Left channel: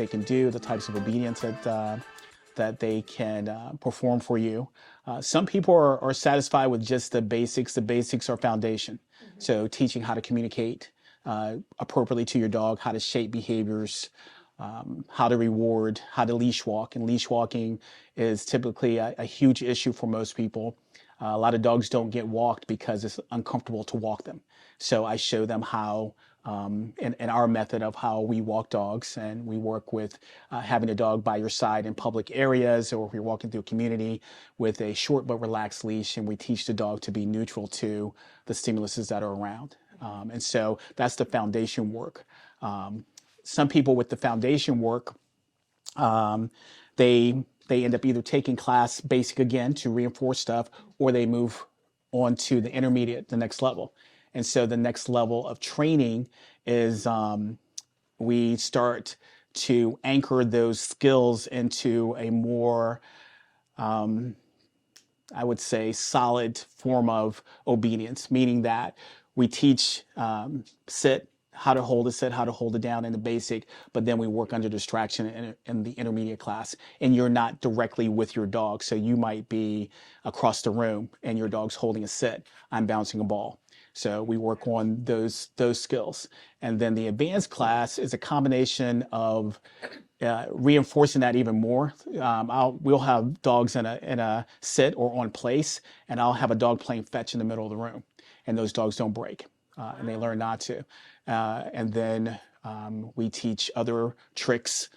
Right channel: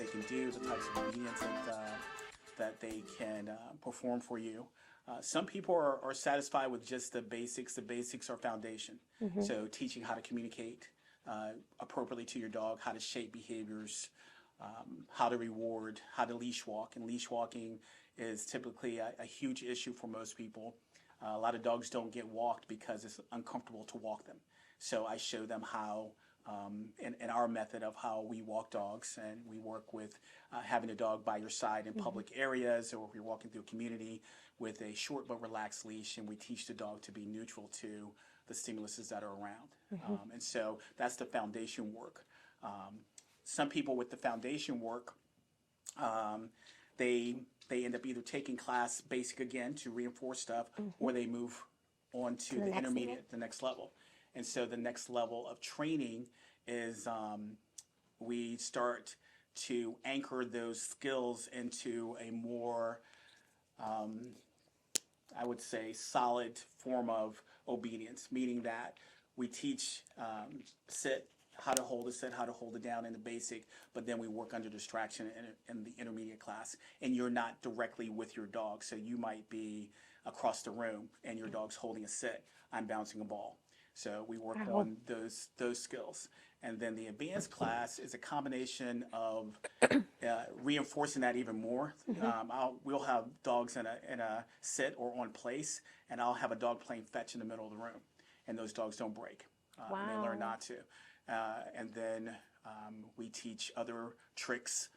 they can do, the types of obedience that they can perform for you. Some people are satisfied with just the basics. The basics are foundation. So teaching how to communicate appropriately to your dog, how to shape behaviors, how to reward, how to leash walk. And leash walking is typically a huge issue for most people. A lot of dogs don't get walked because it's uncomfortable to walk them. So I show them how, in our method of how we walk dogs, and we work with having a dog by your side in public areas, or if you're walking through a community with a short but relaxed leash, and we teach the dog to be neutral to the stimuluses that are around. And so that's the foundation work. Some people with the foundation work, they end up either taking class basic again to reinforce stuff, or they move on to the intermediate, the next level. And so the next level of training is we start to anchor those skills into a more, I would say, solid form of obedience, meaning that we teach sit, how to hold a sit, how to hold it down in the basic, but then we work under distraction in the intermediate class. And you're not directly with your dog. So you might be across the room and your dog's holding a sit. I'm bouncing a ball. So we work on those skills. And then the advanced class is a combination of reinforcing that even more. We'll have dogs in a sit or on place, and I'll have a dog playing fetch in the middle of the room. And those dogs don't break, and they learn not to. And then we teach other tricks,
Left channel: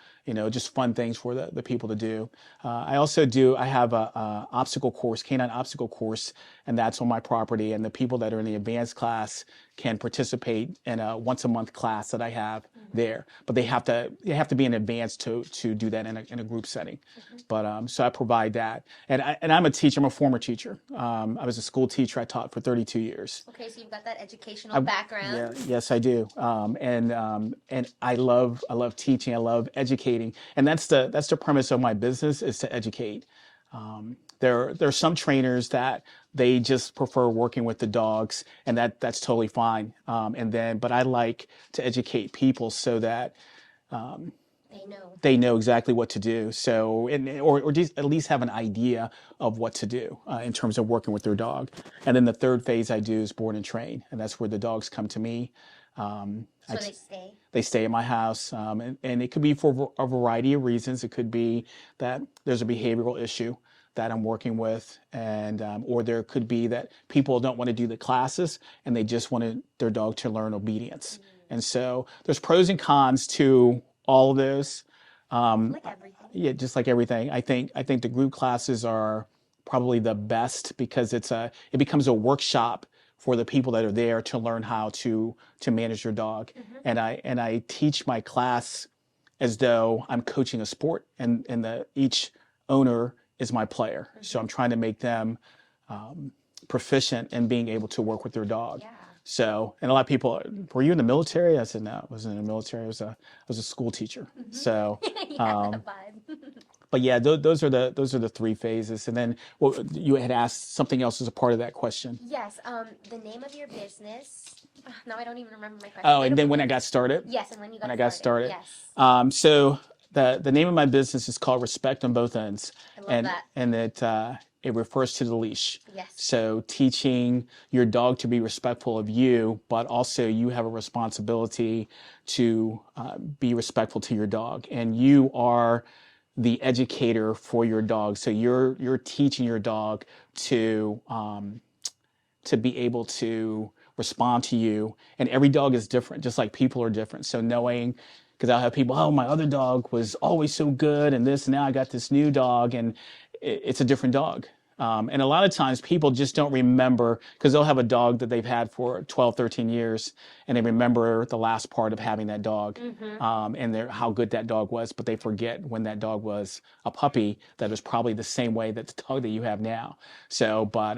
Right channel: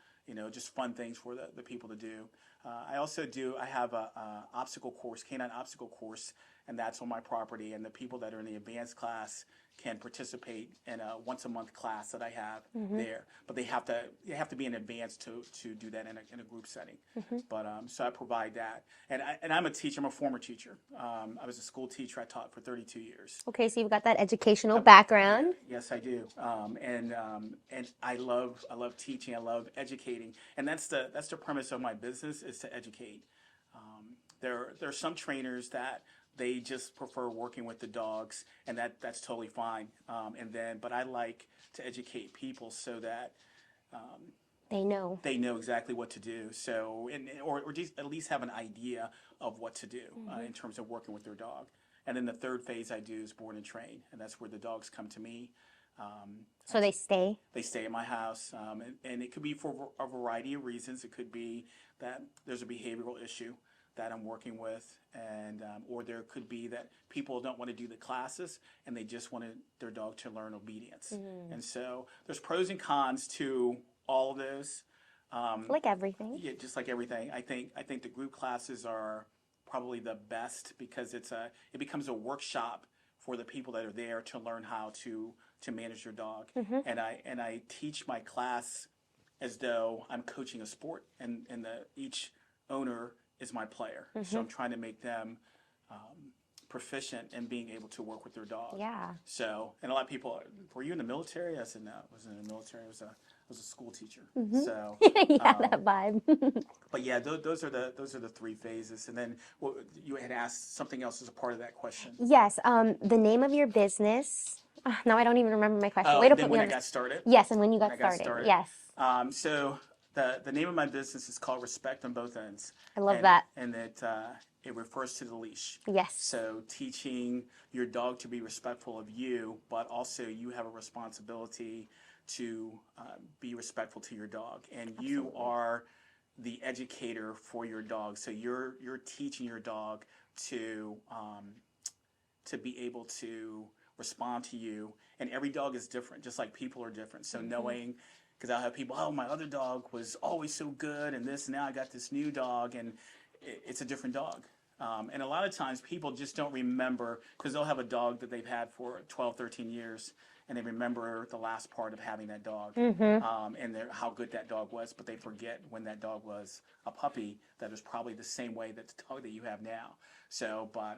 just fun things for the people to do. I have a obstacle course, canine obstacle course, and that's on my property. And the people that are in the advanced class can participate in a once a month class that I have there. But they have to be in advance to do that in a group setting. But so I provide that. And I'm a teacher. I'm a former teacher. I was a school teacher. I taught for 32 years. Okay, so you've got that educational background. Yeah, yes, I do. And I love teaching. I love educating. And that's the premise of my business, is to educate. There are some trainers that they just prefer working with the dogs, and that's totally fine. But I like to educate people so that they know exactly what to do. So, or at least have an idea of what to do in terms of working with their dog. And then the third phase I do is board and train, and that's where the dogs come to me. So they stay? They stay at my house, and it could be for a variety of reasons. It could be that there's a behavioral issue that I'm working with, and or there could be that people don't want to do the classes and they just wanted their dog to learn obedience. And so there's pros and cons to all of those. Like everything. Yeah, just like everything. I think the group classes are probably the best because it becomes a workshop for the people that are there to learn how to manage your dog. And I teach my class as though I'm coaching a sport, and each owner is my player. So I'm trying to make them proficient in being able to work with their dog. Yeah. So, and a lot of people, were you in the military? I said, no, I wasn't in the military. I was a school teacher. So, that vibe. but yeah, those are the three phases. And then you had asked something else as a part of that question. Yes. The name of your business. No, I don't even remember my question. Oh, and then when I got started? Yes, and when you got started. Yes. So the name of my business is called Respect on Both Ends. I love that. And it refers to the leash. Yes. So teaching your dog to be respectful of you, but also you have a responsibility to be respectful to your dog. And you are the educator for your dog. So you're teaching your dog to be able to respond to you. And every dog is different, just like people are different. So knowing, because I'll have people, oh, my other dog was always so good and this, and now I got this new dog, and it's a different dog. And a lot of times people just don't remember, because they'll have a dog that they've had for 12, 13 years, and they remember the last part of having that dog and how good that dog was, but they forget when that dog was a puppy that was probably the same way that the dog that you have now. So, but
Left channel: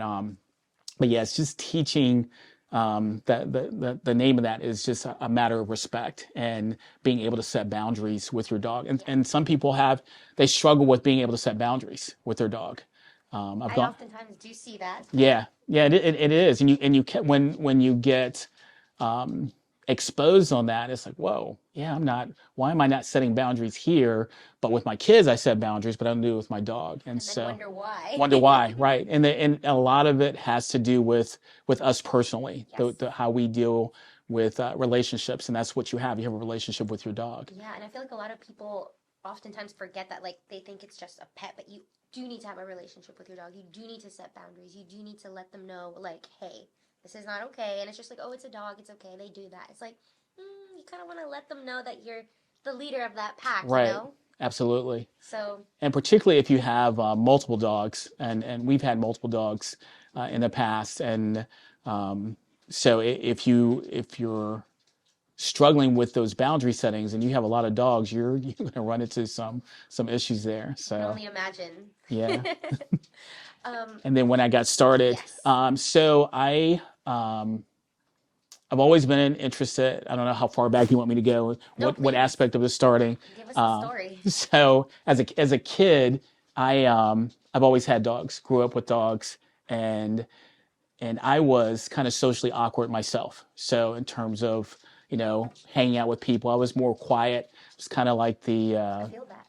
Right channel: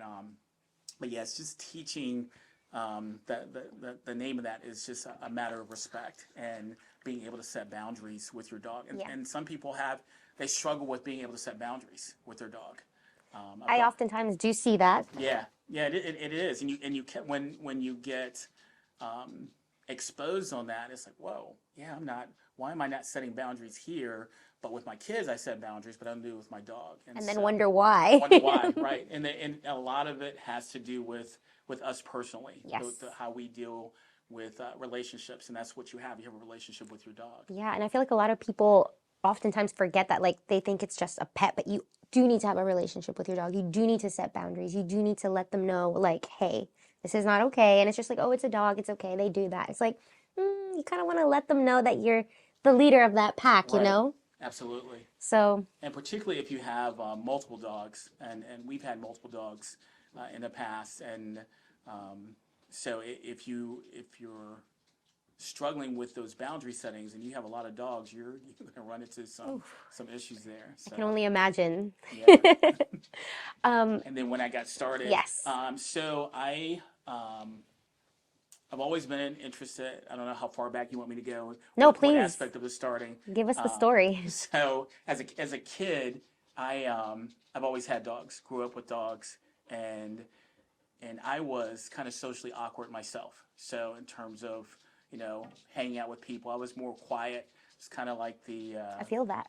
yeah, it's just teaching. The name of that is just a matter of respect and being able to set boundaries with your dog. And some people they struggle with being able to set boundaries with their dog. I oftentimes do see that. Yeah, it is. And when you get exposed on that, it's like, whoa, yeah, why am I not setting boundaries here? But with my kids, I set boundaries, but I don't do it with my dog. And And then so wonder why. wonder why, right? And a lot of it has to do with us personally, Yes. how we deal with relationships, and that's what you have. You have a relationship with your dog. Yeah, and I feel like a lot of people oftentimes forget that, like, they think it's just a pet, but you do need to have a relationship with your dog. You do need to set boundaries. You do need to let them know, like, hey, this is not okay. And it's just like, oh, it's a dog. It's okay. They do that. It's like, you kind of want to let them know that you're the leader of that pack, you Right. know? Absolutely. So, And particularly if you have multiple dogs, and we've had multiple dogs in the past, and so if you're struggling with those boundary settings and you have a lot of dogs, you're going to run into some issues there. I can So only imagine. yeah. Um, And then when I got started, yes. so I've always been interested. I don't know how far back you want me to go. No, What please. aspect of the starting? Give us the story. So as a kid, I've always had dogs. Grew up with dogs, and I was kind of socially awkward myself. So in terms of hanging out with people, I was more quiet. It was kind of like the. I feel that.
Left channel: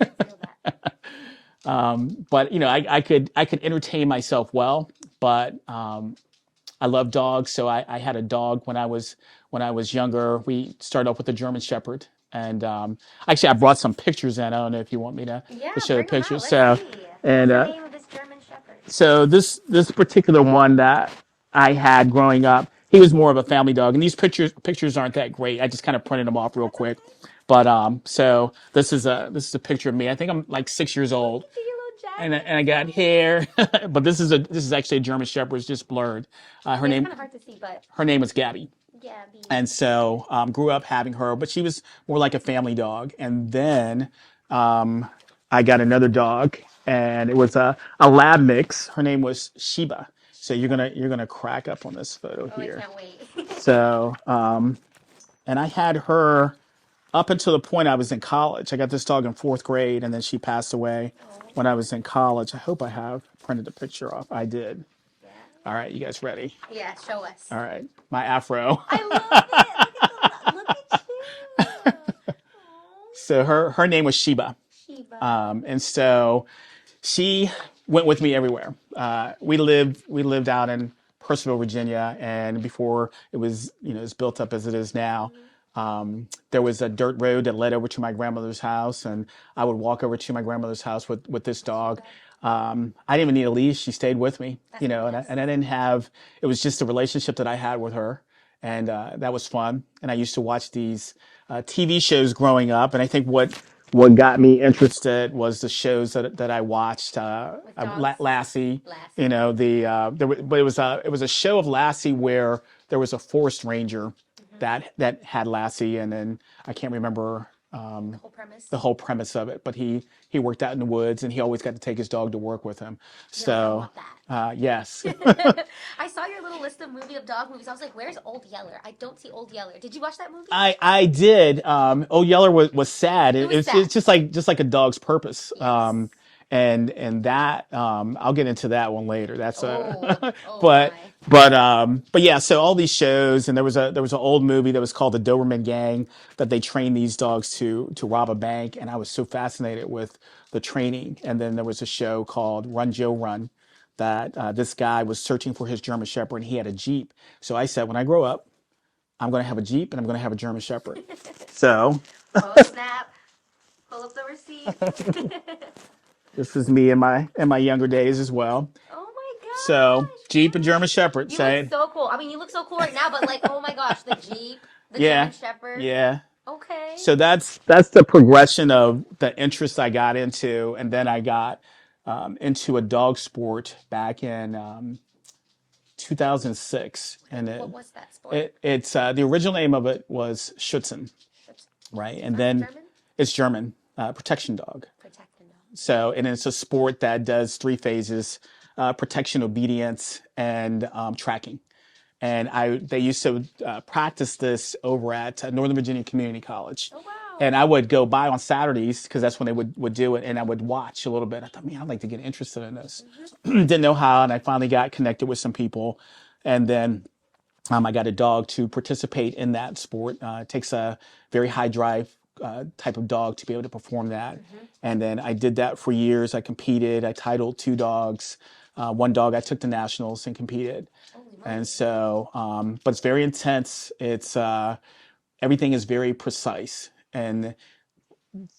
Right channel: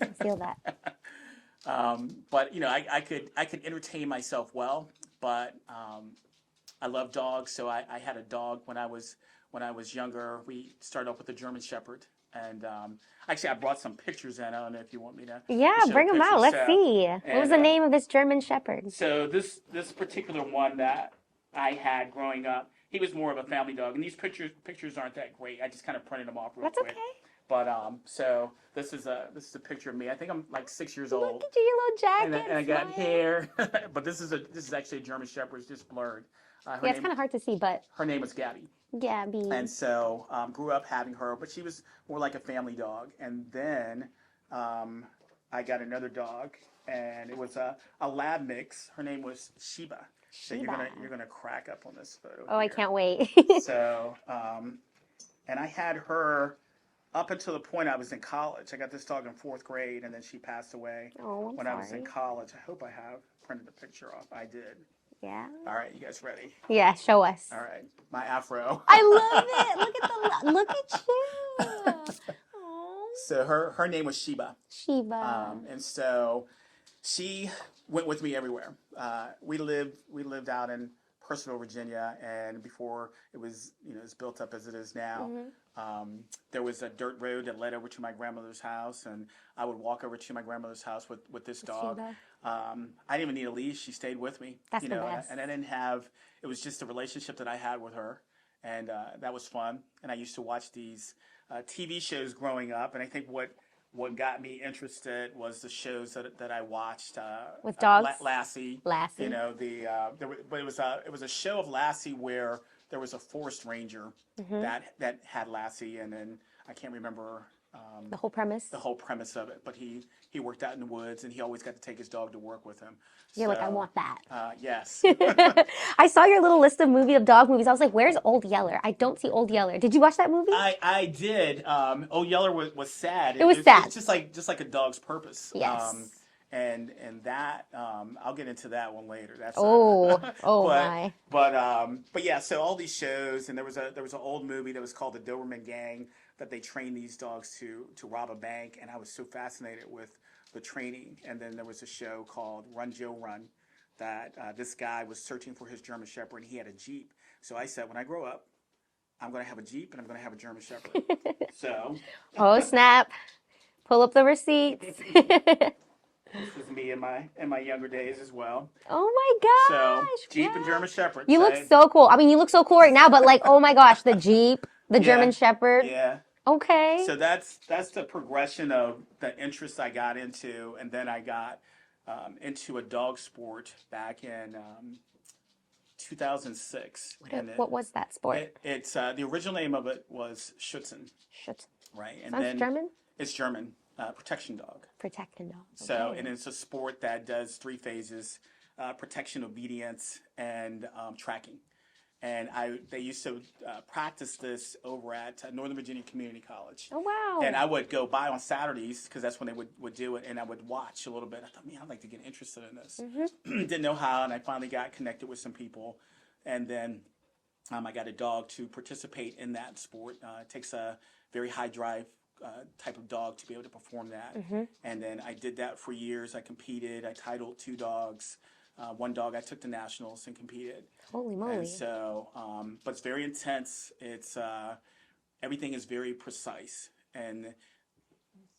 I feel that. But I could entertain myself well, but I love dogs. So I had a dog when I was younger. We started off with a German Shepherd, and actually I brought some pictures in. I don't know if you want me to Yeah, show bring the them pictures. out. Let's see. What's And the name of this German Shepherd? so this particular one that I had growing up, he was more of a family dog, and these pictures aren't that great. I just kind of printed them off real That's quick. okay. But so this is a picture of me. I think I'm like 6 years old. Look at your little jacket. And I got hair, but this is actually a German Shepherd. It's just blurred. It's kind of hard to see, but Her name was Gabby, Gabby. and so grew up having her. But she was more like a family dog. And then I got another dog, and it was a lab mix. Her name was Sheba. So you're gonna crack up on this photo Oh, here. I can't wait. So and I had her up until the point I was in college. I got this dog in 4th grade, and then she passed away when I was in college. I hope I have printed a picture off. I did. Yeah. All right, you guys ready? Yeah, show us. All right, my afro. I love it. Look at you. Aww. So her name was Sheba. Sheba. And so she went with me everywhere. We lived out in Purcellville, Virginia, and before it was as built up as it is now. There was a dirt road that led over to my grandmother's house, and I would walk over to my grandmother's house with this dog. I didn't even need a leash. She stayed with me, That's and nice. I didn't have, it was just a relationship that I had with her. And that was fun. And I used to watch these TV shows growing up. And I think what got me interested was the shows that I watched. With dogs? Lassie. Lassie. But it was a show of Lassie where there was a forest ranger that had Lassie, and then I can't remember The whole premise. the whole premise of it. But he worked out in the woods, and he always got to take his dog to work with him. You're So like, I want that. yes. I saw your little list of dog movies. I was like, where's Old Yeller? I don't see Old Yeller. Did you watch that movie? I did. Old Yeller was sad. It was sad. It's just like a dog's purpose. Yes. And that I'll get into that one later. That's my. but yeah. So all these shows, and there was an old movie that was called The Doberman Gang that they trained these dogs to rob a bank, and I was so fascinated with the training. And then there was a show called Run Joe Run that this guy was searching for his German Shepherd, and he had a Jeep. So I said, when I grow up, I'm going to have a Jeep, and I'm going to have a German Shepherd. So Oh, snap. Pull up the receipts. this is me in my younger days as well. Oh my gosh. So Jeep and German Shepherd. You look so cool. I mean, you look so cool right now, but like, oh my gosh, the Jeep, the German Shepherd. Yeah. Okay. So that's the progression of the interest I got into, and then I got into a dog sport back in 2006. And what was that sport? It's the original name of it was Schutzen, Schutz. right? And Sounds then German? it's German, protection dog. Protecting dog. So, and it's a sport that does 3 phases: protection, obedience, and tracking. And they used to practice this over at Northern Virginia Community College. Oh, wow. And I would go by on Saturdays because that's when they would do it, and I would watch a little bit. I thought, man, I'd like to get interested in this. Didn't know how, and I finally got connected with some people, and then I got a dog to participate in that sport. It takes a very high drive type of dog to be able to perform that. And then I did that for years. I competed. I titled 2 dogs. One dog I took to nationals and competed. Holy And moly. so, but it's very intense. It's everything is very precise. And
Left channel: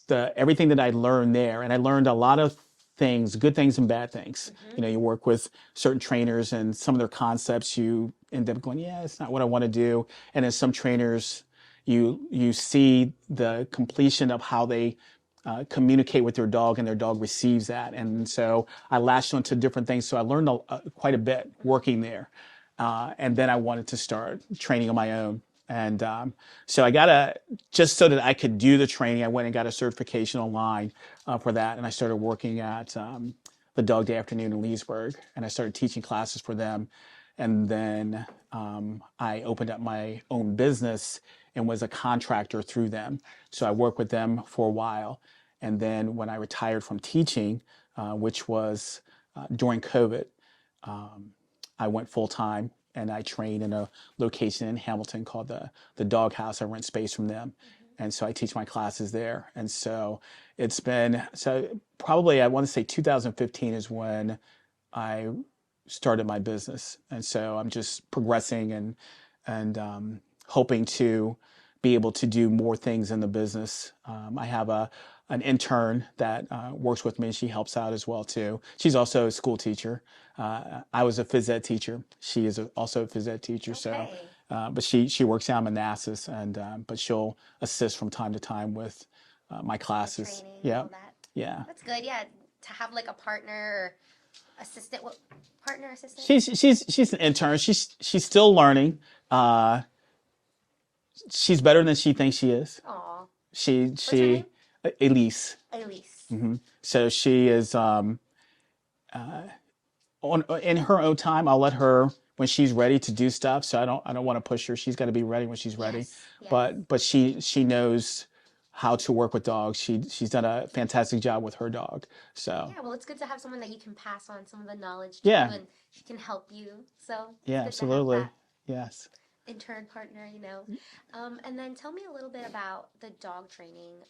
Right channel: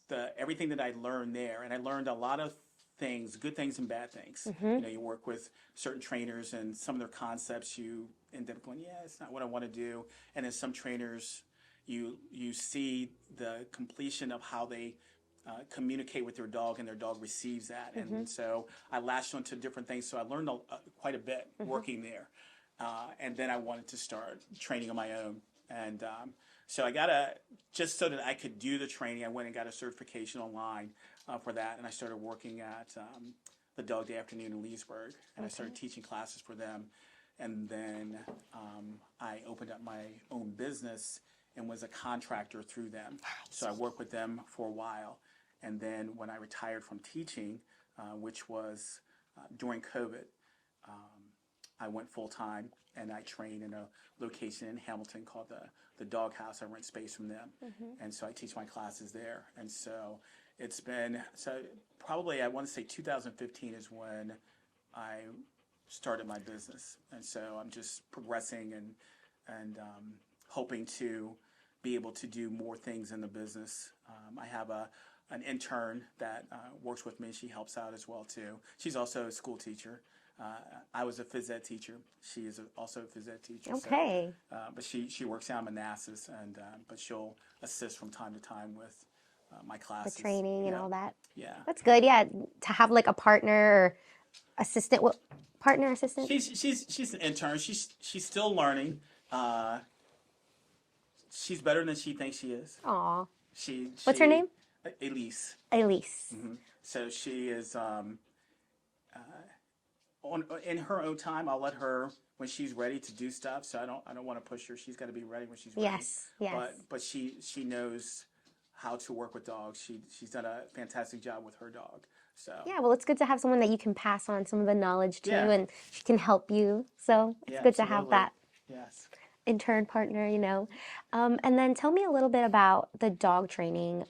everything that I learned there, and I learned a lot of things, good things and bad things. You know, you work with certain trainers, and some of their concepts you end up going, yeah, it's not what I want to do. And then some trainers, you see the completion of how they communicate with their dog, and their dog receives that. And so I latched onto different things. So I learned quite a bit working there. And then I wanted to start training on my own. And so just so that I could do the training, I went and got a certification online for that. And I started working at the Dog Day Afternoon in Leesburg, and I started teaching classes for them. And then I opened up my own business and was a contractor through them. So I worked with them for a while. And then when I retired from teaching, which was during COVID, I went full time, and I trained in a location in Hamilton called the Dog House. I rent space from them. And so I teach my classes there. And so it's been, so probably I want to say 2015 is when I started my business. And so I'm just progressing and hoping to be able to do more things in the business. I have an intern that works with me. She helps out as well too. She's also a school teacher. I was a phys ed teacher. She is also a phys ed teacher. Okay. So, but she works down in Manassas, and but she'll assist from time to time with my classes. Training and all that. Yeah. That's good. Yeah, to have like a partner or assistant. What partner assistant? She's an intern. She's still learning. She's better than she thinks she is. Aw. What's her name? Elise. Elise. So she is in her own time. I'll let her when she's ready to do stuff. So I don't want to push her. She's got to be ready when she's ready. Yes. But she knows how to work with dogs. She's done a fantastic job with her dog. So yeah, well, it's good to have someone that you can pass on some of the knowledge to, Yeah. and she can help you. So it's yeah, good to have absolutely. that Yes. intern partner, you know. And then tell me a little bit about the dog training.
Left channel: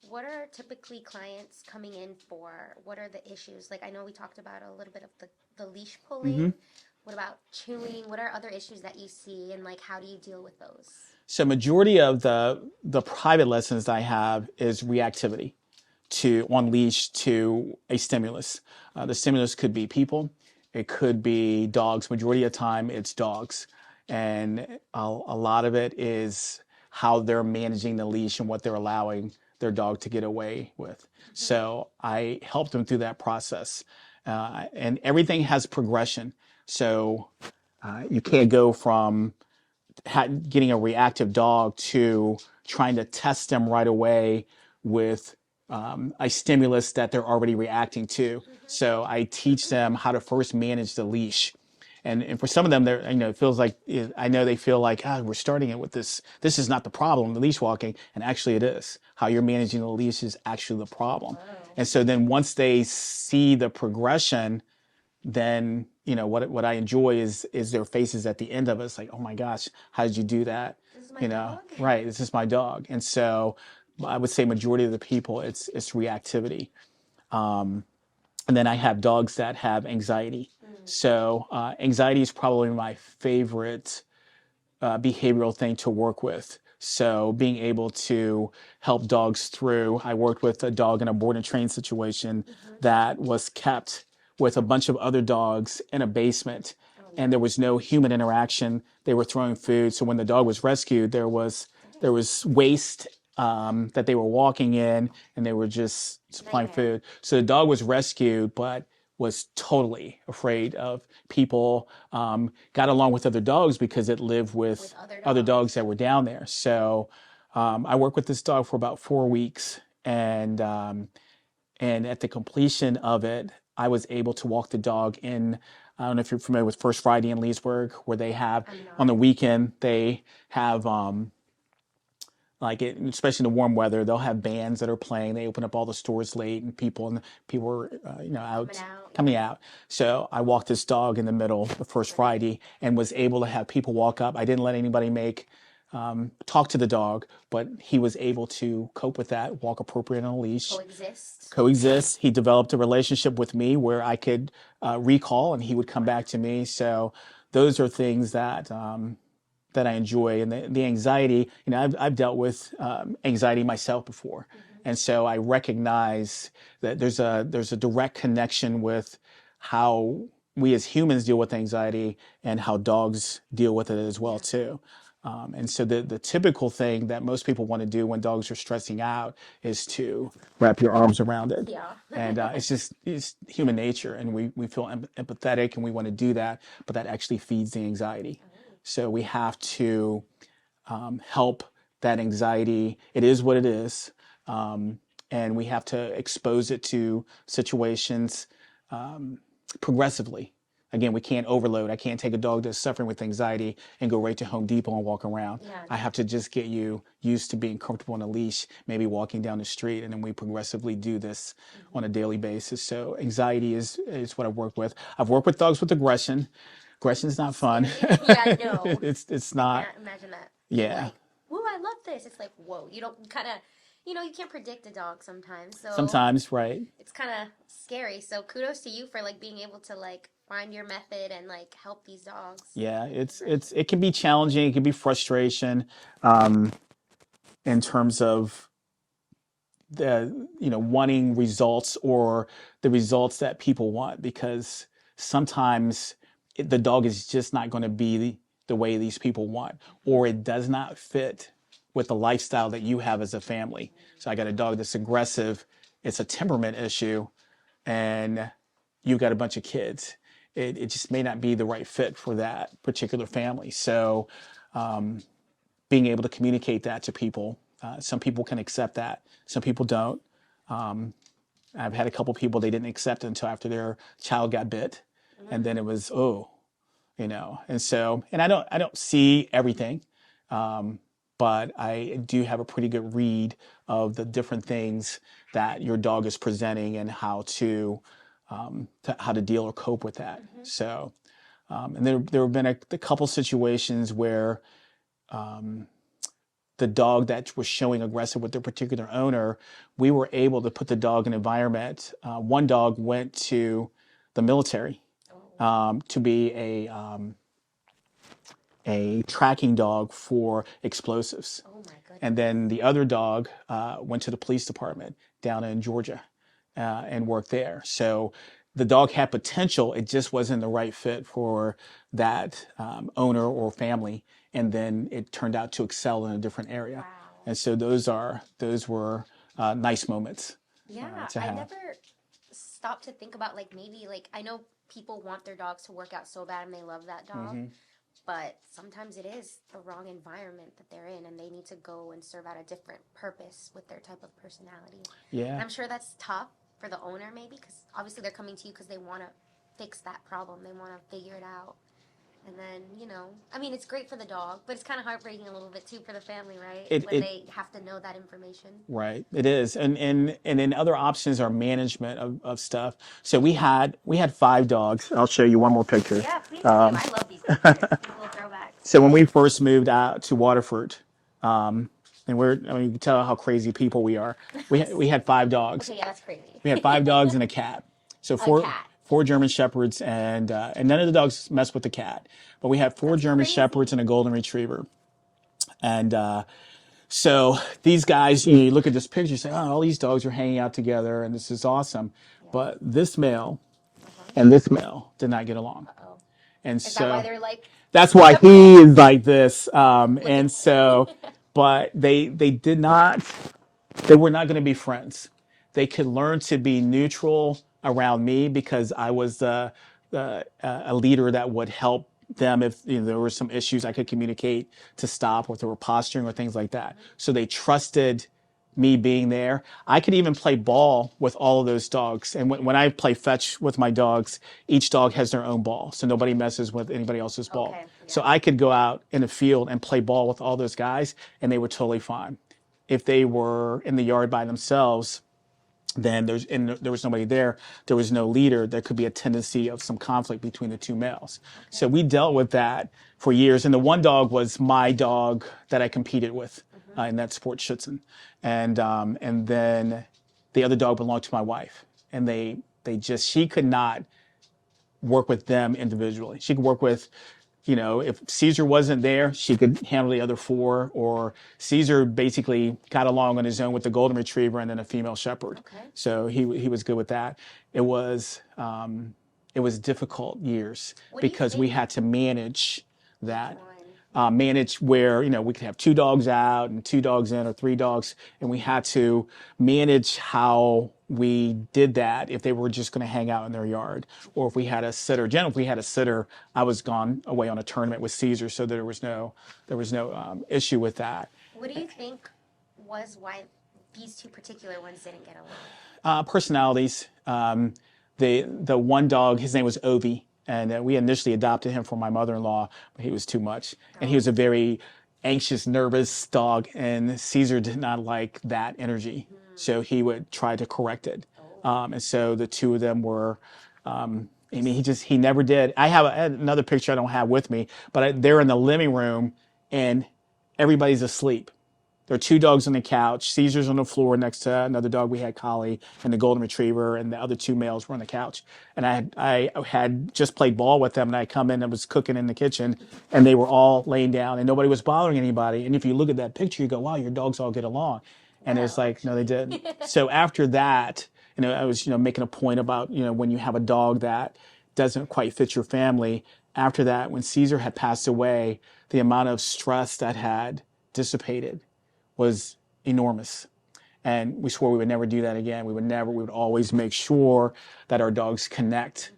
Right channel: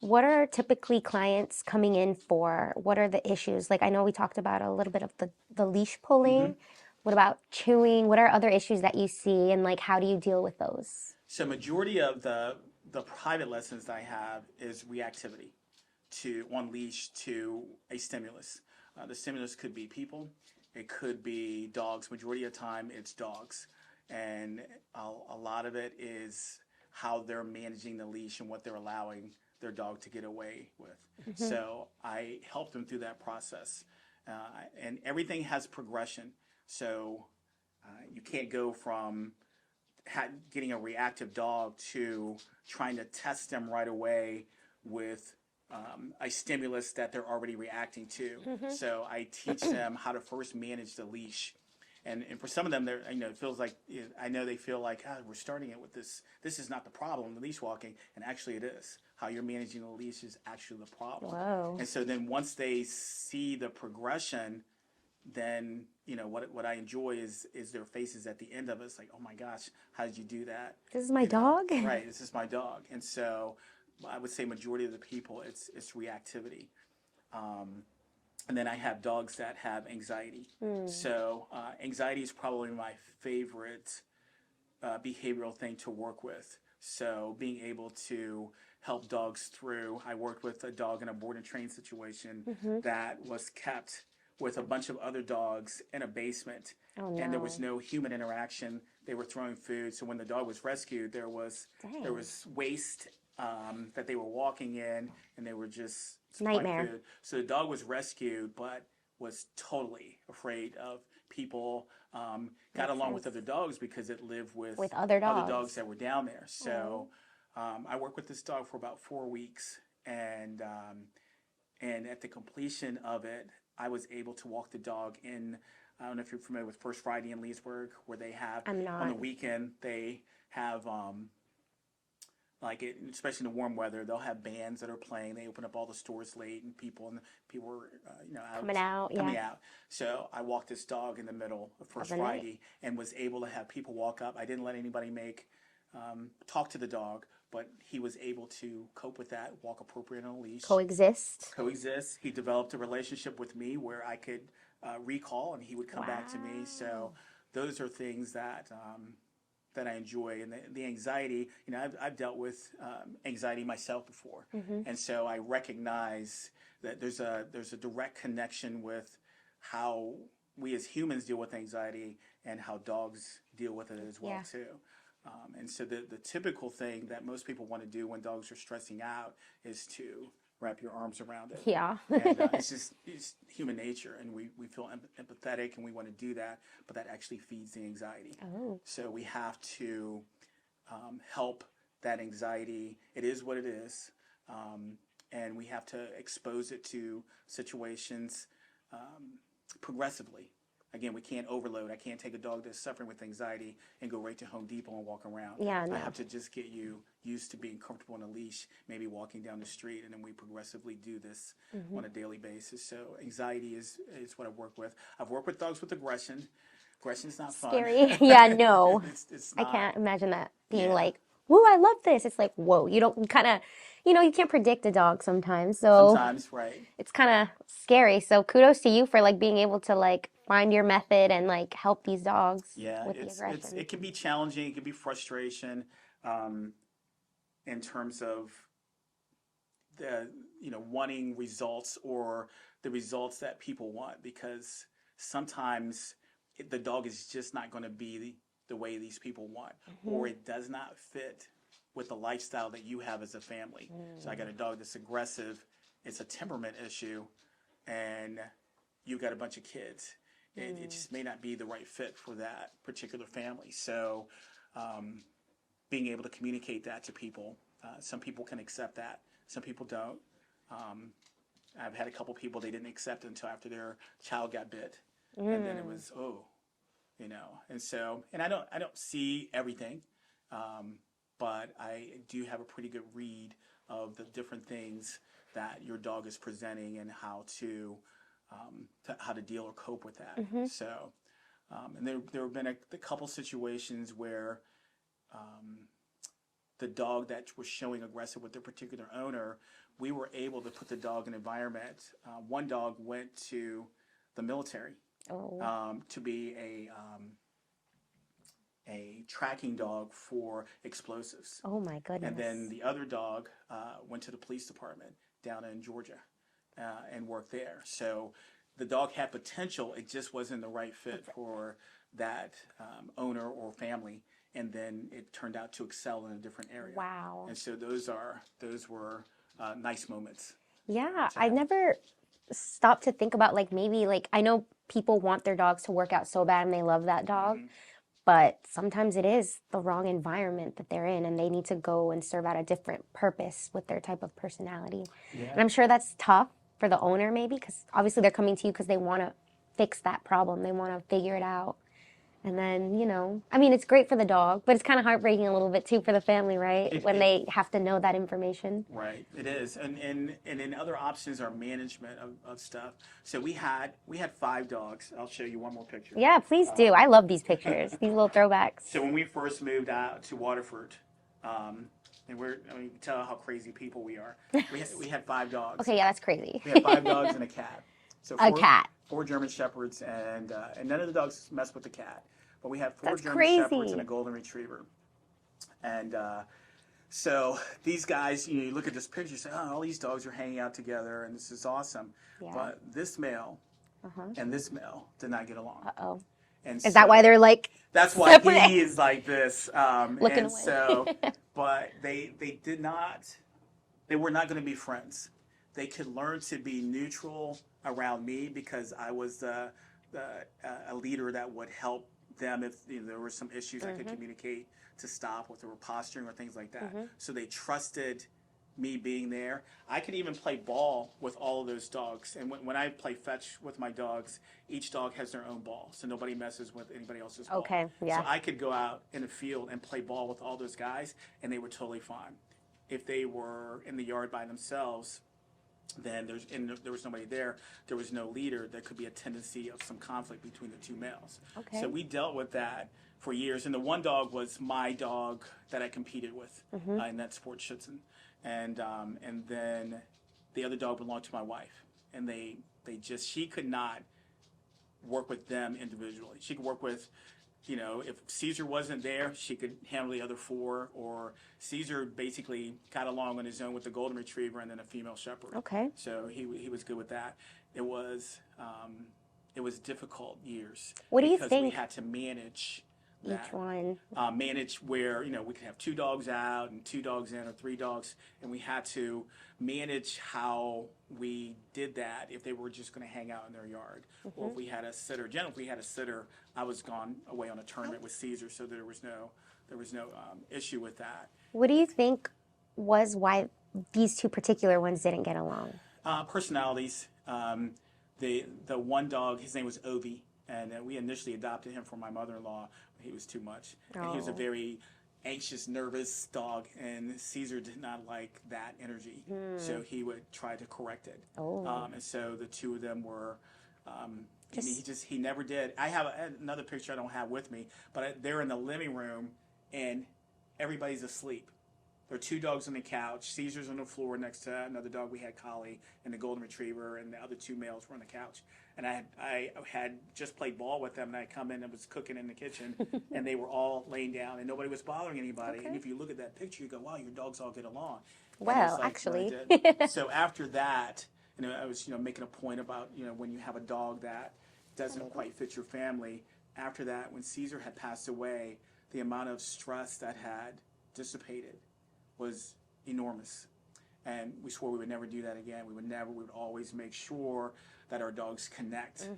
What are typically clients coming in for? What are the issues? Like, I know we talked about a little bit of the leash pulling. What about chewing? What are other issues that you see, and like, how do you deal with those? So majority of the private lessons I have is reactivity on leash to a stimulus. The stimulus could be people, it could be dogs. Majority of the time, it's dogs, and a lot of it is how they're managing the leash and what they're allowing their dog to get away with. So I help them through that process, and everything has progression. So you can't go from getting a reactive dog to trying to test them right away with a stimulus that they're already reacting to. So I teach them how to first manage the leash. And for some of them, it feels like, I know they feel like, we're starting it with this. This is not the problem, the leash walking. And actually it is. How you're managing the leash is actually the problem. Whoa. And so then once they see the progression, then what I enjoy is their faces at the end of it. It's like, oh my gosh, how did you do that? This is my dog? Right, this is my dog. And so I would say majority of the people, it's reactivity. And then I have dogs that have anxiety. So anxiety is probably my favorite behavioral thing to work with. So being able to help dogs through, I worked with a dog in a board and train situation that was kept with a bunch of other dogs in a basement, and there was no human interaction. They were throwing food. So when the dog was rescued, there was waste that they were walking in, and they were just supplying Nightmare. food. So the dog was rescued, but was totally afraid of people. Got along with other dogs because it lived with other dogs that were down there. So I worked with this dog for about 4 weeks, and at the completion of it, I was able to walk the dog in. I don't know if you're familiar with First Friday in Leesburg, where they have I'm not. on the weekend they have like it, especially in the warm weather, they'll have bands that are playing. They open up all the stores late, and people are Coming out, coming yeah. out. So I walked this dog in the middle the first Overnight. Friday and was able to have people walk up. I didn't let anybody talk to the dog, but he was able to cope with that, walk appropriate on a leash, Coexist. coexist. He developed a relationship with me where I could recall, and he would come back to me. Wow. So those are things that I enjoy. And the anxiety, I've dealt with anxiety myself before. And so I recognize that there's a direct connection with how we as humans deal with anxiety and how dogs deal with it as well Yeah. too. And so the typical thing that most people want to do when dogs are stressing out is to wrap your arms around it. Yeah. And it's human nature, and we feel empathetic and we want to do that, but that actually feeds the anxiety. Oh. So we have to help that anxiety. It is what it is, and we have to expose it to situations progressively. Again, we can't overload. I can't take a dog that's suffering with anxiety and go right to Home Depot and walk around. Yeah, I no. have to just get you used to being comfortable on a leash, maybe walking down the street, and then we progressively do this on a daily basis. So anxiety is what I work with. I've worked with dogs with aggression. Aggression's not fun. Scary. Yeah, no. It's I not. can't imagine that being Yeah. like, whoa, I love this. It's like, whoa, you don't kind of, you can't predict a dog sometimes. So Sometimes, right? it's kind of scary. So kudos to you for like being able to like find your method and like help these dogs Yeah, with the aggression. it can be challenging. It can be frustration in terms of the wanting results or the results that people want, because sometimes the dog is just not going to be the way these people want, or it does not fit with the lifestyle that you have as a family. So I got a dog that's aggressive. It's a temperament issue, and you've got a bunch of kids. It just may not be the right fit for that particular family. So being able to communicate that to people, some people can accept that, some people don't. I've had a couple people, they didn't accept it until after their child got bit, and then it was and so, and I don't see everything, but I do have a pretty good read of the different things that your dog is presenting and how to deal or cope with that. So, and there have been a couple situations where the dog that was showing aggressive with their particular owner, we were able to put the dog in an environment. One dog went to the military to be a tracking dog for explosives. Oh my goodness. And then the other dog went to the police department down in Georgia and worked there. So the dog had potential. It just wasn't the right fit for that owner or family. And then it turned out to excel in a different area. Wow. And so those were nice moments. Yeah, to I have. never stopped to think about like maybe like I know people want their dogs to work out so bad and they love that dog, but sometimes it is the wrong environment that they're in and they need to go and serve out a different purpose with their type of personality. And Yeah. I'm sure that's tough for the owner maybe because obviously they're coming to you because they want to fix that problem. They want to figure it out. And then, I mean, it's great for the dog, but it's kind of heartbreaking a little bit too for the family, right? When they have to know that information. Right, it is, and then other options are management of stuff. So we had 5 dogs. I'll show you one more picture. Yeah, please do. I love these pictures, these little throwbacks. So when we first moved out to Waterford, and you can tell how crazy people we are. We had 5 dogs. Okay, yeah, that's crazy. We had 5 dogs and a cat. So cat. 4 German Shepherds, and none of the dogs mess with the cat. But we had 4 That's German crazy. Shepherds and a Golden Retriever. And so these guys, you look at this picture, you say, oh, all these dogs are hanging out together, and this is awesome. Yeah. But this male and this male did not get along. Uh-oh. And Is that why they're like that's why separate? he is like this. And away. so, but they were not going to be friends. They could learn to be neutral around me because I was a leader that would help them if there were some issues I could communicate to stop, or if they were posturing or things like that. So they trusted me being there. I could even play ball with all of those dogs. And when I play fetch with my dogs, each dog has their own ball. So nobody messes with anybody else's ball. Okay, yeah. So I could go out in the field and play ball with all those guys, and they were totally fine. if they were in the yard by themselves, then there was nobody there, there was no leader, there could be a tendency of some conflict between the two males. So Okay. we dealt with that for years. And the one dog was my dog that I competed with in that sport, Schutzen. And then the other dog belonged to my wife. And she could not work with them individually. She could work with, if Caesar wasn't there, she could handle the other four, or Caesar basically got along on his own with the golden retriever and then a female shepherd. Okay. So he was good with that. It was difficult years What do you because we think had to manage each that. one? Manage where, we could have 2 dogs out and 2 dogs in or 3 dogs. And we had to manage how we did that if they were just going to hang out in their yard, or if we had a sitter. Generally, if we had a sitter, I was gone away on a tournament with Caesar, so there was no issue with that. What do you think was why these two particular ones didn't get along? Personalities. The one dog, his name was Ovi, and we initially adopted him for my mother-in-law, but he was too much. And he was a very anxious, nervous dog, and Caesar did not like that energy. So he would try to correct it. And so the two of them were, he never did. I have another picture I don't have with me, but they're in the living room and everybody's asleep. There are 2 dogs on the couch. Caesar's on the floor next to another dog we had, Collie, and the golden retriever, and the other 2 males were on the couch. And I had just played ball with them, and I come in and was cooking in the kitchen, and they were all laying down, and nobody was bothering anybody. And if you look at that picture, you go, wow, your dogs all get along. And it's like, no, they didn't. So after that, I was, making a point about, when you have a dog that doesn't quite fit your family. After that, when Caesar had passed away, the amount of stress that had dissipated was enormous. And we swore we would never do that again. We would always make sure that our dogs connect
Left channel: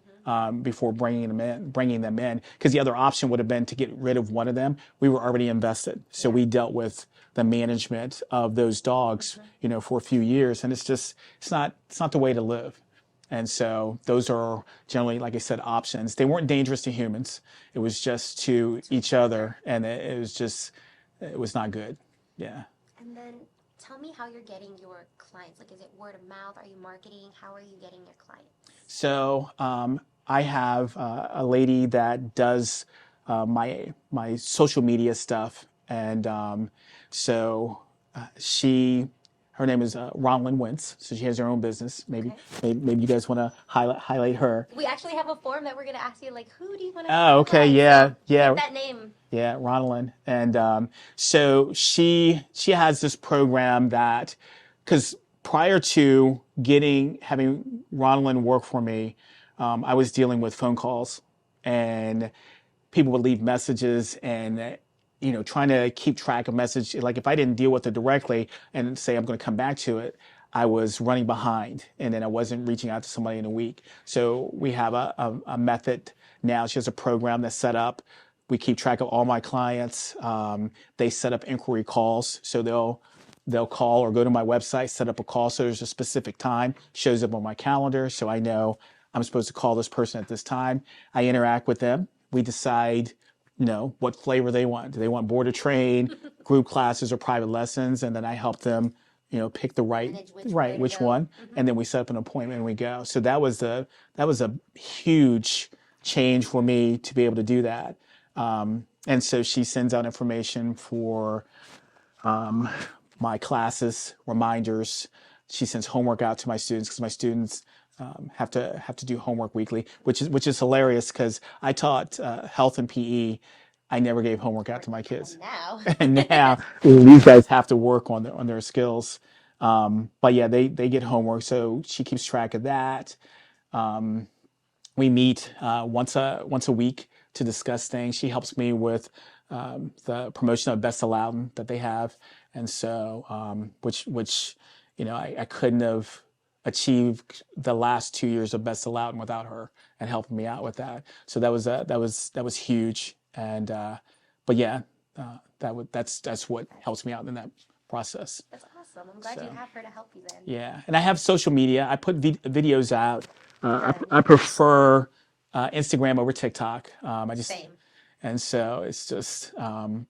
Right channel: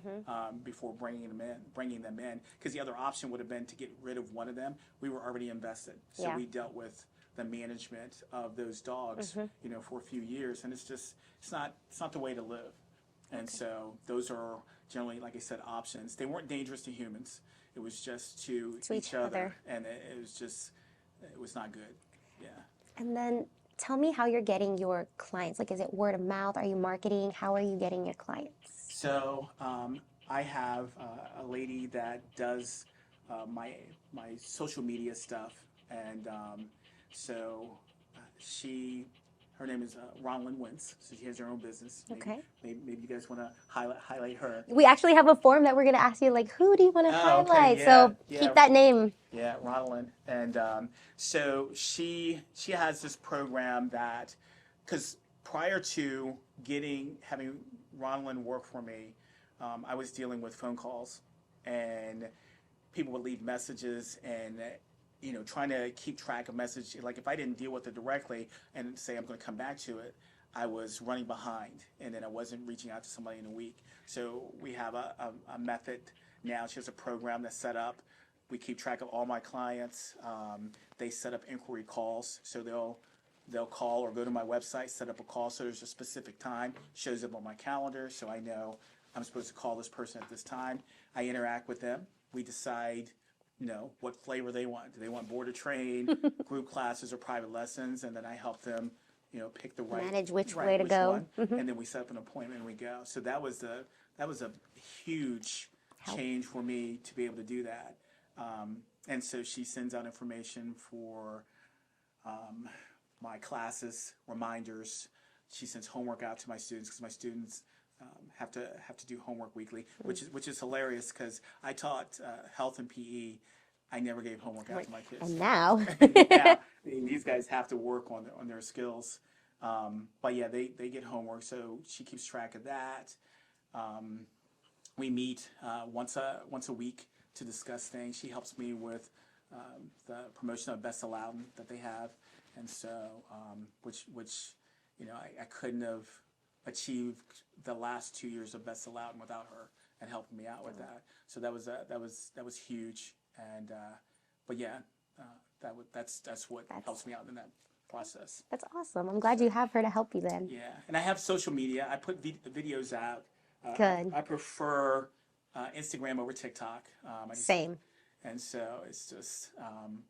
before bringing them in. Because the other option would have been to get rid of one of them. We were already invested. So we dealt with the management of those dogs, for a few years. And it's not the way to live. And so those are generally, like I said, options. They weren't dangerous to humans. It was just to each other. And it was not good. Yeah. And then tell me how you're getting your clients. Like, is it word of mouth? Are you marketing? How are you getting your clients? So I have a lady that does my social media stuff, and her name is Ronlyn Wentz. So she has her own business. Maybe you guys want to highlight her. We actually have a form that we're going to ask you, like, who do you want to highlight? Oh, okay, yeah, so keep that name. Yeah, Ronlyn. And so she has this program that, because prior to having Ronlyn work for me, I was dealing with phone calls, and people would leave messages, and trying to keep track of message. Like if I didn't deal with it directly and say I'm going to come back to it, I was running behind, and then I wasn't reaching out to somebody in a week. So we have a method now. She has a program that's set up. We keep track of all my clients. They set up inquiry calls, so they'll call or go to my website, set up a call. So there's a specific time, shows up on my calendar, so I know I'm supposed to call this person at this time. I interact with them. We decide what flavor they want. Do they want board or train, group classes, or private lessons? And then I help them, pick the which one. And then we set up an appointment and we go. So that was a huge change for me to be able to do that. And so she sends out information for my classes, reminders. She sends homework out to my students, because my students have to do homework weekly, which is hilarious, because I taught health and PE. I never gave homework out to my kids. And now these guys have to work on their skills. But yeah, they get homework, so she keeps track of that. We meet once a week to discuss things. She helps me with the promotion of Best Aladdin that they have, and so which I couldn't have achieved the last 2 years of Best Aladdin without her and helping me out with that. So that was huge. And but yeah, that's what helps me out in that process. That's awesome. I'm glad you have her to help you then. Yeah, and I have social media. I put videos out. I prefer Instagram over TikTok. Same. And so it's just,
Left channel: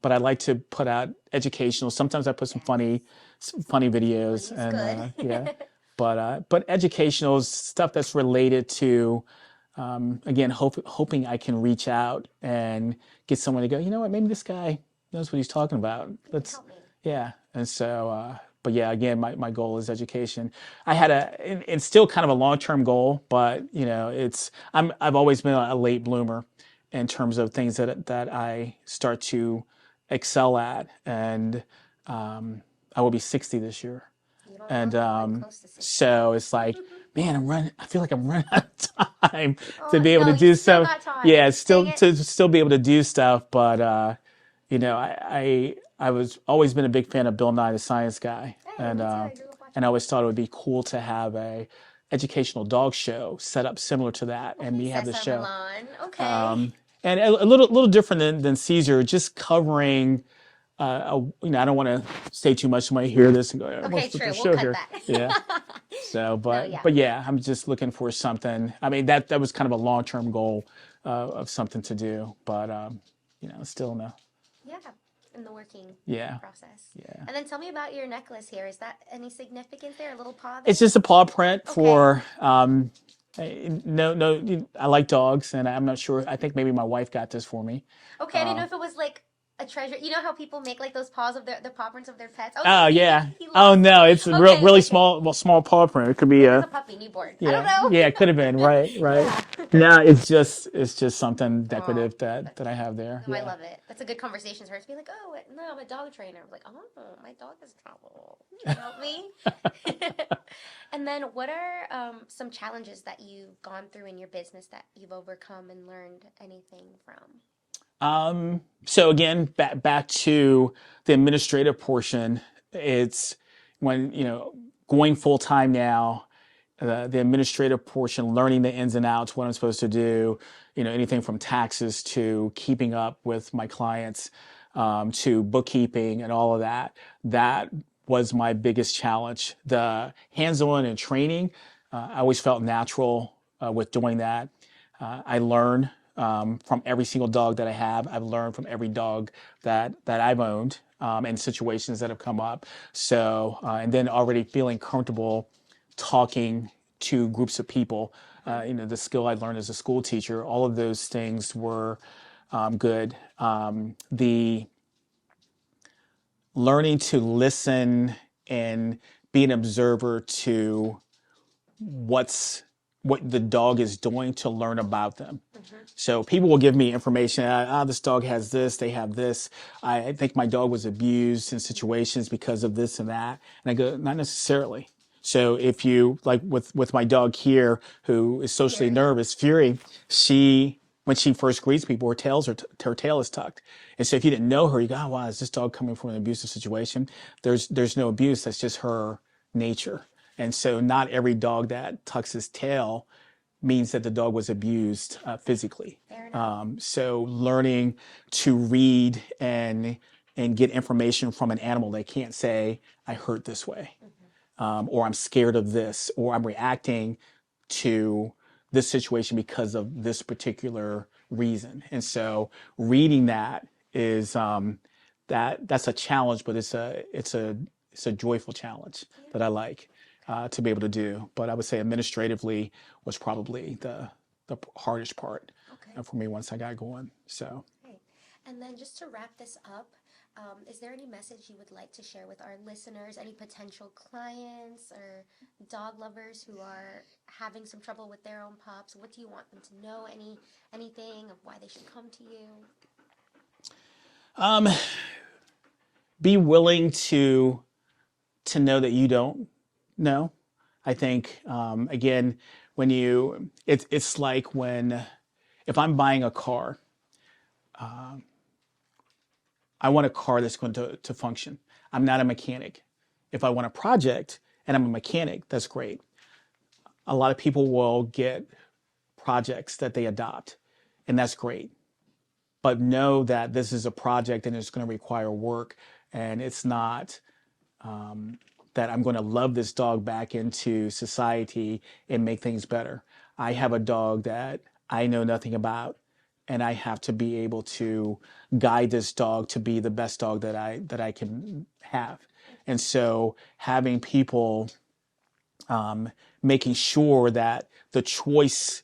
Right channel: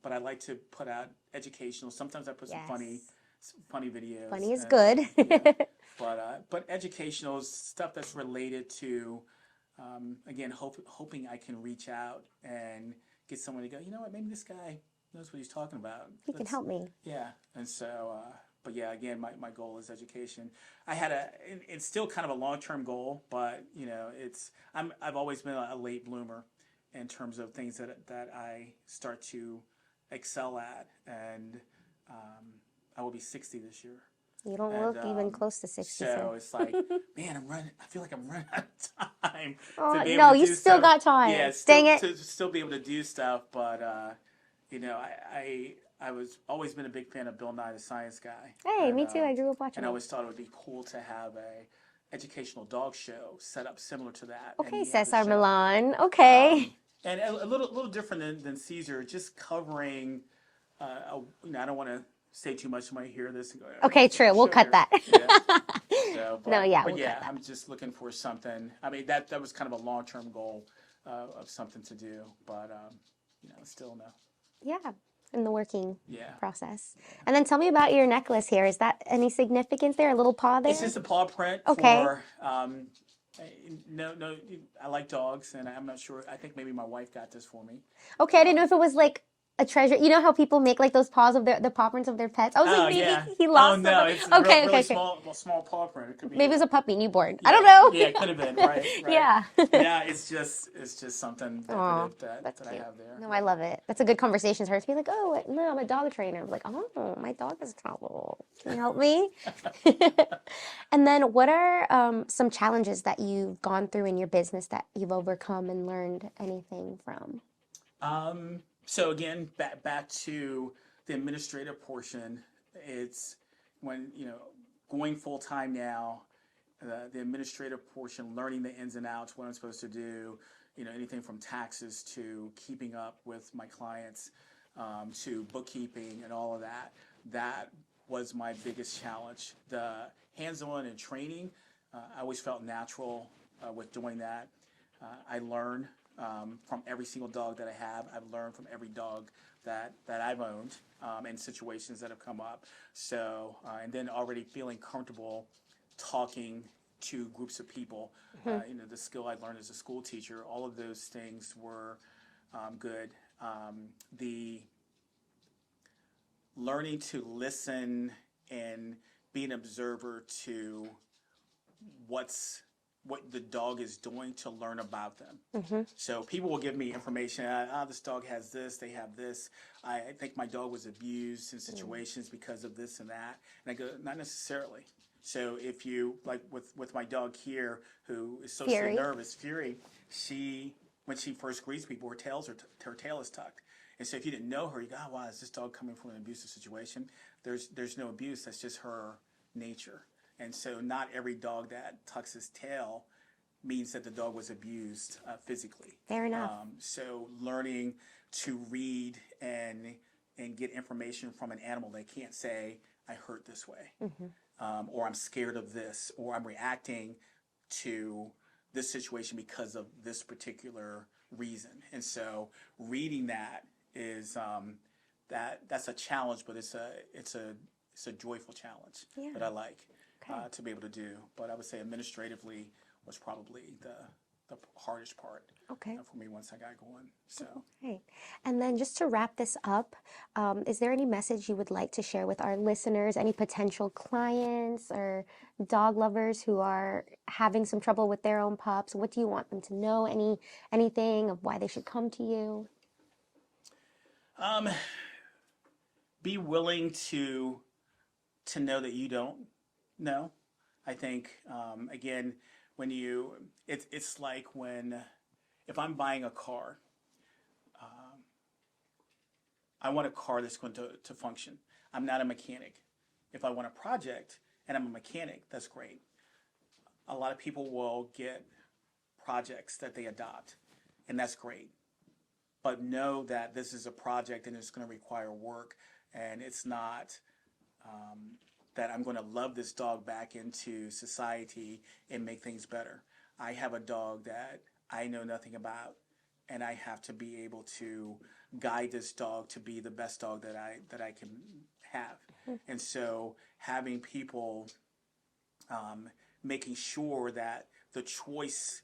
but I like to put out educational. Sometimes I put some funny funny videos, Funny is and yeah. good. But educational stuff that's related to, again, hoping I can reach out and get someone to go, you know what, maybe this guy knows what he's talking about. You can Let's, help me. yeah. And so, but yeah, again, my goal is education. I had it's still kind of a long-term goal, but you know, I've always been a late bloomer in terms of things that I start to excel at. And I will be 60 this year. You don't And look even close to 60, so so. it's like, man, I feel like I'm running out of time to Oh, be able no, to you do still stuff. got time. Yeah, Dang still it. to still be able to do stuff. But you know, I was always been a big fan of Bill Nye the Science Guy, Hey, me too. I grew up and watching I it. always thought it would be cool to have a educational dog show set up similar to that, and Okay, me have the Cesar show. Milan. Okay. And a little different than Caesar, just covering. You know, I don't want to say too much. Somebody hear this and go, Okay, "What's with the true. We'll show cut here?" that. Yeah. So, No, yeah, but we got yeah, that. I'm just looking for something. I mean, that was kind of a long term goal of something to do, but you know, still no. Yeah, in the working Yeah. process. Yeah. And then tell me about your necklace here. Is that any significance there? A little paw there? It's just a paw print Okay. for no. I like dogs, and I'm not sure. I think maybe my wife got this for me. Okay, I didn't know if it was like a treasure. You know how people make like those paws of the paw prints of their pets? I was Oh like, yeah. maybe he Oh lost no, them. it's Okay, really okay, okay. small. Well, small paw print. It could be Maybe it was a a puppy, newborn. I don't yeah, know. yeah. It could have been right, right. Yeah. No, it's just something Oh, decorative that that's I cute. have there. No, I Yeah. love it. That's a good conversation starter to be like, oh, no, I'm a dog trainer. I'm like, oh, my dog is trouble. Can you help me? And then what are some challenges that you've gone through in your business that you've overcome and learned anything from? So again, back to the administrative portion. It's when you know going full time now. The administrative portion, learning the ins and outs, what I'm supposed to do, you know, anything from taxes to keeping up with my clients, to bookkeeping and all of that. That was my biggest challenge. The hands-on and training, I always felt natural with doing that. I learn from every single dog that I have. I've learned from every dog that I've owned and situations that have come up. So, and then already feeling comfortable talking to groups of people. You know, the skill I learned as a school teacher, all of those things were good. The learning to listen and be an observer to what the dog is doing to learn about them. So people will give me information. This dog has this. They have this. I think my dog was abused in situations because of this and that. And I go, not necessarily. So if you like with my dog here, who is socially Fury. nervous, Fury, when she first greets people, her tail is tucked. And so if you didn't know her, you go, oh, wow, is this dog coming from an abusive situation? There's no abuse. That's just her nature. And so not every dog that tucks his tail means that the dog was abused physically. Fair enough. So learning to read and get information from an animal, they can't say, I hurt this way, or I'm scared of this, or I'm reacting to this situation because of this particular reason. And so reading that is that's a challenge, but it's a joyful challenge Yeah. that I like to be able to do. But I would say administratively was probably the hardest part Okay. for me once I got going. So Great. And then just to wrap this up, is there any message you would like to share with our listeners, any potential clients or dog lovers who are having some trouble with their own pups? What do you want them to know? Anything of why they should come to you? be willing to know that you don't know. I think again, when it's like when if I'm buying a car, I want a car that's going to function. I'm not a mechanic. If I want a project and I'm a mechanic, that's great. A lot of people will get projects that they adopt, and that's great. But know that this is a project and it's going to require work, and it's not that I'm going to love this dog back into society and make things better. I have a dog that I know nothing about, and I have to be able to guide this dog to be the best dog that I can have. And so having people making sure that the choice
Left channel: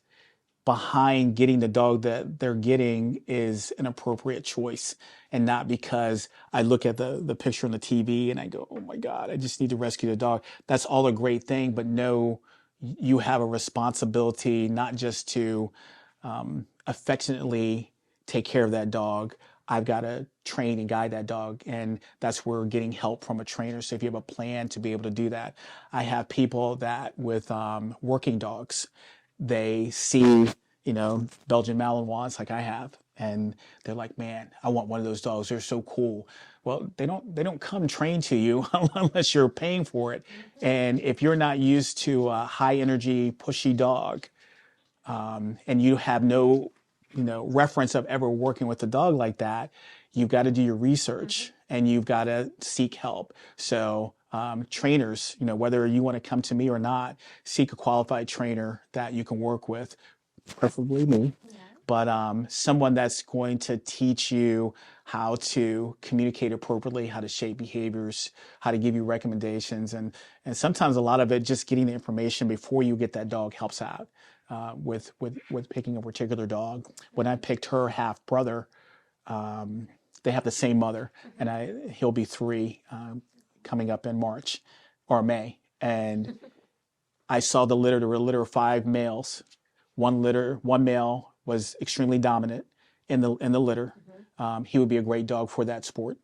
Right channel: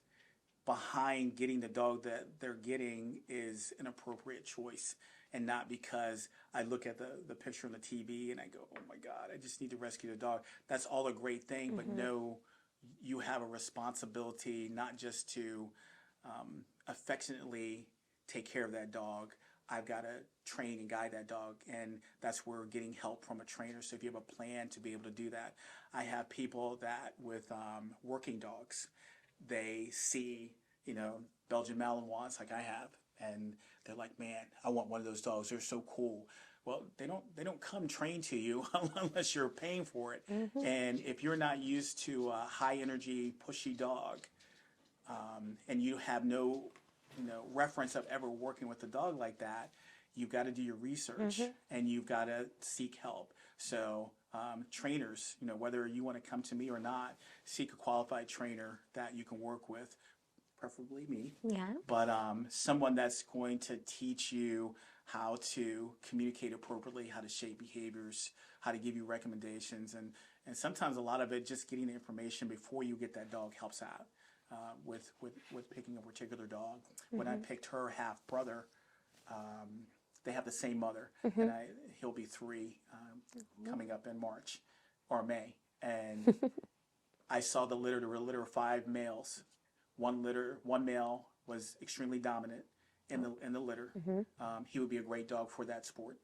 behind getting the dog that they're getting is an appropriate choice, and not because I look at the picture on the TV and I go, oh my God, I just need to rescue the dog. That's all a great thing, but no, you have a responsibility not just to affectionately take care of that dog. I've got to train and guide that dog. And that's where getting help from a trainer. So if you have a plan to be able to do that, I have people that with working dogs, they see, Belgian Malinois like I have, and they're like, man, I want one of those dogs. They're so cool. Well, they don't come trained to you unless you're paying for it. And if you're not used to a high energy, pushy dog, and you have no, reference of ever working with a dog like that, you've got to do your research and you've got to seek help. So trainers, whether you want to come to me or not, seek a qualified trainer that you can work with, preferably me, but someone that's going to teach you how to communicate appropriately, how to shape behaviors, how to give you recommendations, and sometimes a lot of it just getting the information before you get that dog helps out with picking a particular dog. When I picked her half brother, they have the same mother, and he'll be 3 coming up in March or May, and I saw the litter. There were a litter of 5 males. One male was extremely dominant in the litter. He would be a great dog for that sport.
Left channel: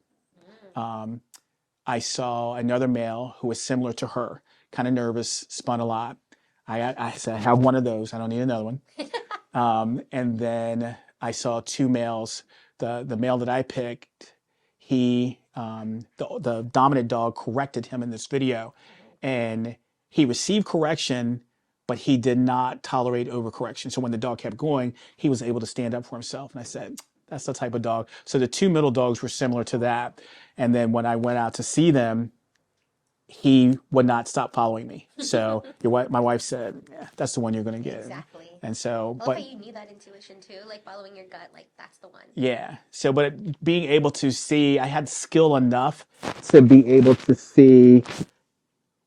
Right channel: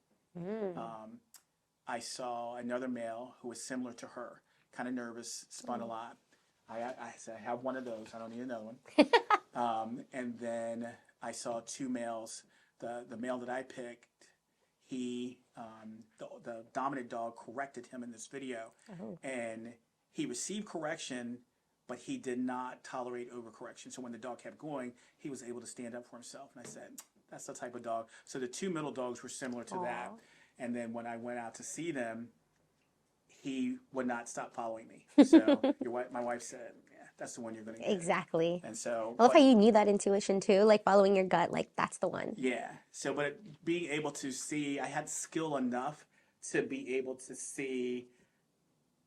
I saw another male who was similar to her, kind of nervous, spun a lot. I said, I have one of those. I don't need another one. And then I saw 2 males. The male that I picked, the dominant dog corrected him in this video, and he received correction, but he did not tolerate overcorrection. So when the dog kept going, he was able to stand up for himself. And I said, that's the type of dog. So the 2 middle dogs were similar to that. And then when I went out to see them, he would not stop following me. So my wife said, yeah, that's the one you're going to get. Exactly. And so, I love how you need that intuition too, like following your gut, like that's the one. Yeah. So, but being able to see, I had skill enough to be able to see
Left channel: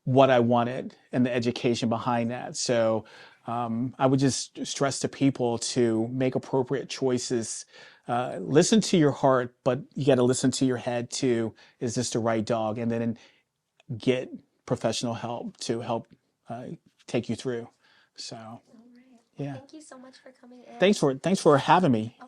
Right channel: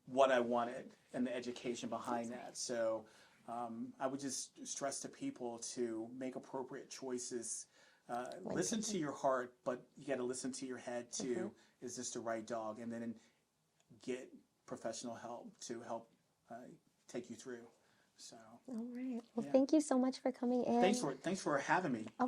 what I wanted and the education behind that. So I would just stress to people to make appropriate choices. Listen to your heart, but you got to listen to your head too. Is this the right dog? And then get professional help to help take you through. So, all right. Well, thank you so much for coming in. Thanks for having me.